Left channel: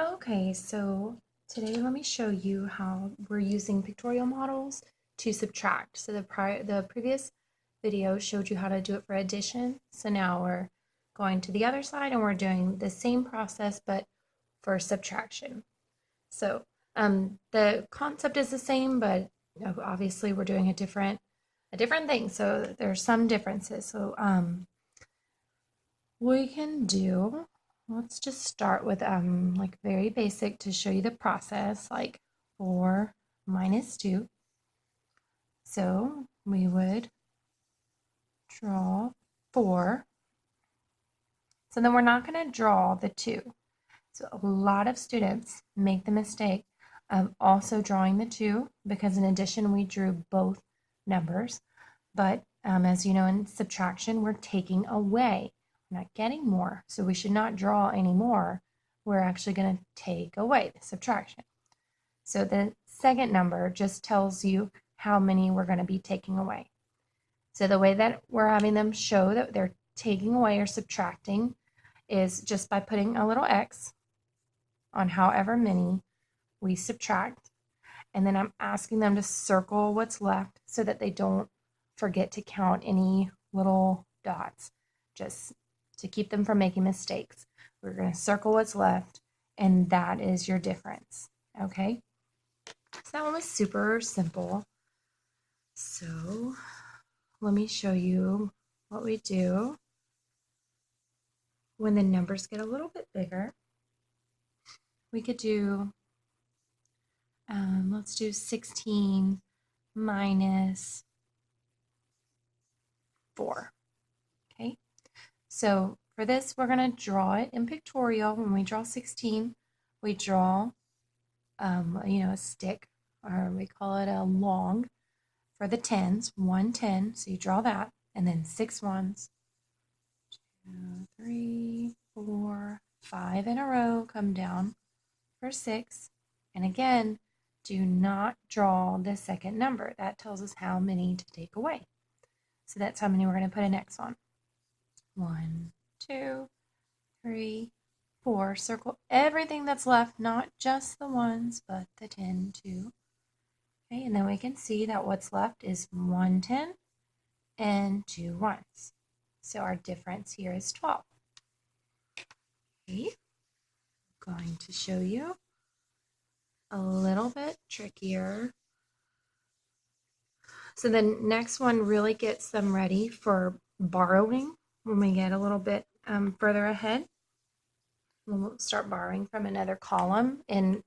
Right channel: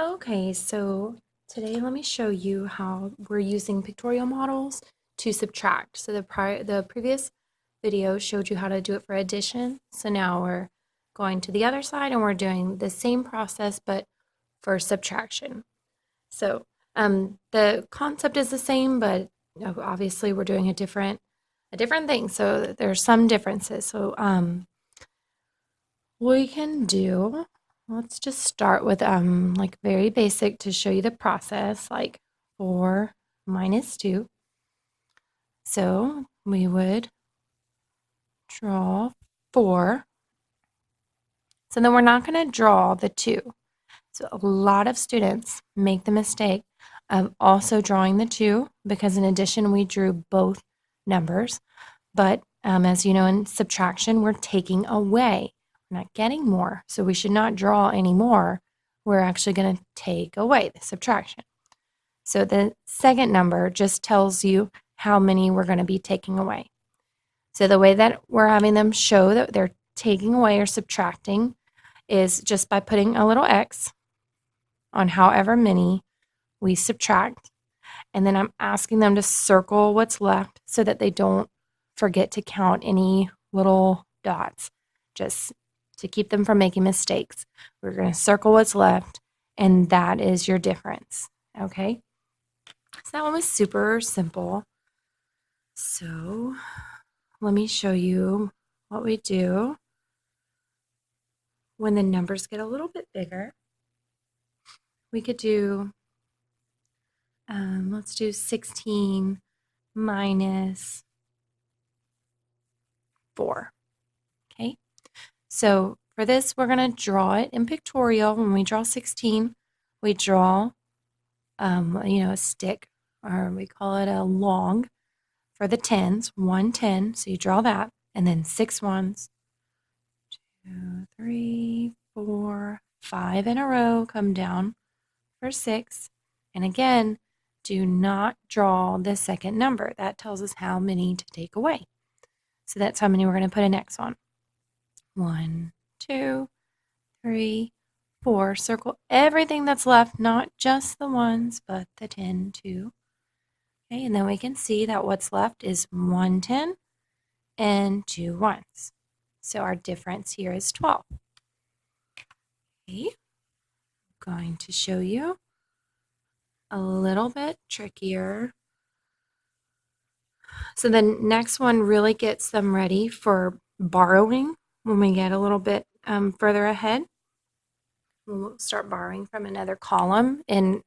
Okay, so today let me show you how we're using pictorial models to subtract. So the previous video showed you how to do it for addition. So now we're going to the other side and we're doing the same process but for subtraction. So the concept is the same, but obviously we're doing a different thing. So there's some differences. So we can do, let's just start with like very basic to show you the process, like 4 minus 2. So we would draw 4. So then we're not going to draw the 2. So a lot of students make the mistake of also drawing the 2 because in addition we drew both numbers. But as you know, in subtraction, we're taking away. We're not getting more. So we should not draw any more. We're actually going to take away the subtraction. So the second number just tells you how many we're going to be taking away. So the way that we're having them show that they're taking away or subtracting is just by putting a little X on however many we subtract. And then I'm asking them to circle what's left so that they don't forget to count any little dots, just to keep them from making mistakes. We're going to circle what's left, and that is your difference. Okay? So that one was super simple. So let me show you what we do when the numbers get a little bit bigger. We could do, let's do 16 minus 4. Okay, so for this, we're going to draw it in pictorial. When we draw 16, we draw, a stick, or we call it a long for the tens, 1 10. So you draw that, and then 6 ones, 2, 3, 4, 5 in a row come down for 6. And again, do not draw the second number. That tells us how many to take away. So that's how many we're going to put an X on. 1, 2, 3, 4. Circle everything that's left, not just the ones, but the 10 too. Okay, and then we can see that what's left is 1 10 and 2 ones. So our difference here is 12. Okay, I'm going to show you a little bit trickier. So the next one really gets them ready for borrowing when we get a little bit further ahead. We'll start borrowing from another column in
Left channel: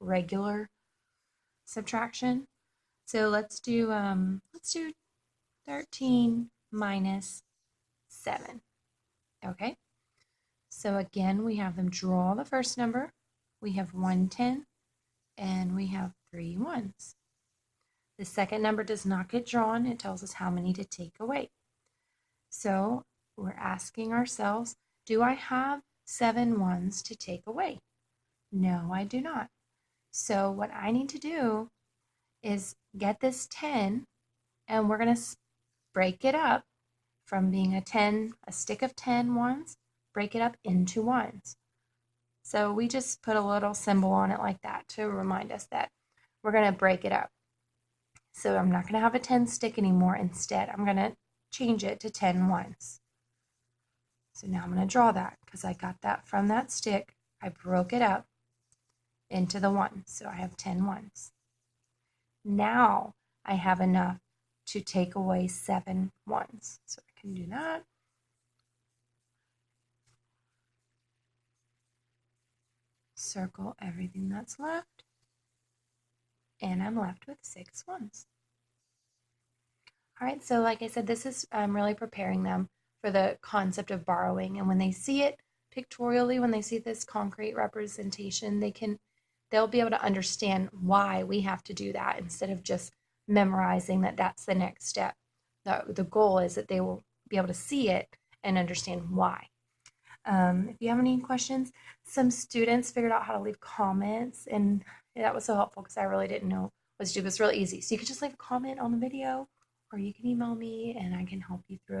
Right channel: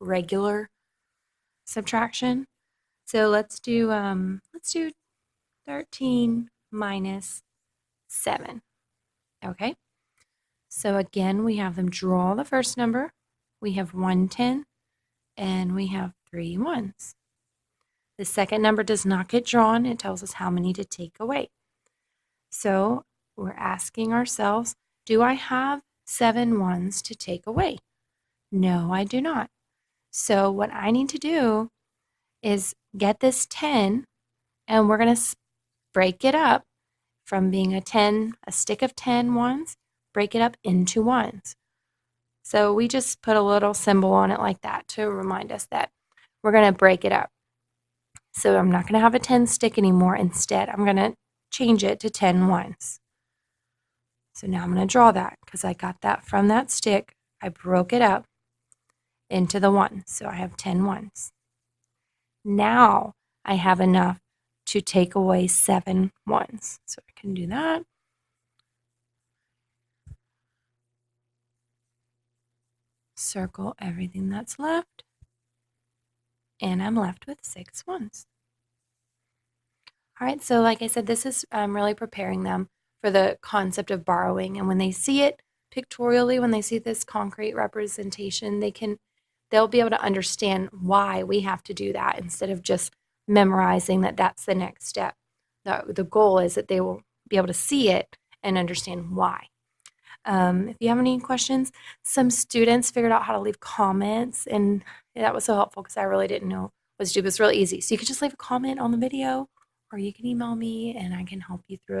regular subtraction. So let's do 13 minus 7. Okay. So again, we have them draw the first number. We have 1 10 and we have 3 ones. The second number does not get drawn. It tells us how many to take away. So we're asking ourselves, do I have 7 ones to take away? No, I do not. So what I need to do is get this 10, and we're going to break it up from being a stick of 10 ones, break it up into ones. So we just put a little symbol on it like that to remind us that we're going to break it up. So I'm not going to have a 10 stick anymore. Instead, I'm going to change it to 10 ones. So now I'm going to draw that because I got that from that stick. I broke it up into the ones. So I have 10 ones. Now I have enough to take away 7 ones. So I can do that. Circle everything that's left. And I'm left with 6 ones. All right, so like I said, this is really preparing them for the concept of borrowing. And when they see it pictorially, when they see this concrete representation, they'll be able to understand why we have to do that instead of just memorizing that that's the next step. The goal is that they will be able to see it and understand why. If you have any questions, some students figured out how to leave comments, and that was so helpful because I really didn't know what to do. It was really easy. So you could just leave a comment on the video, or you can email me and I can help you through it.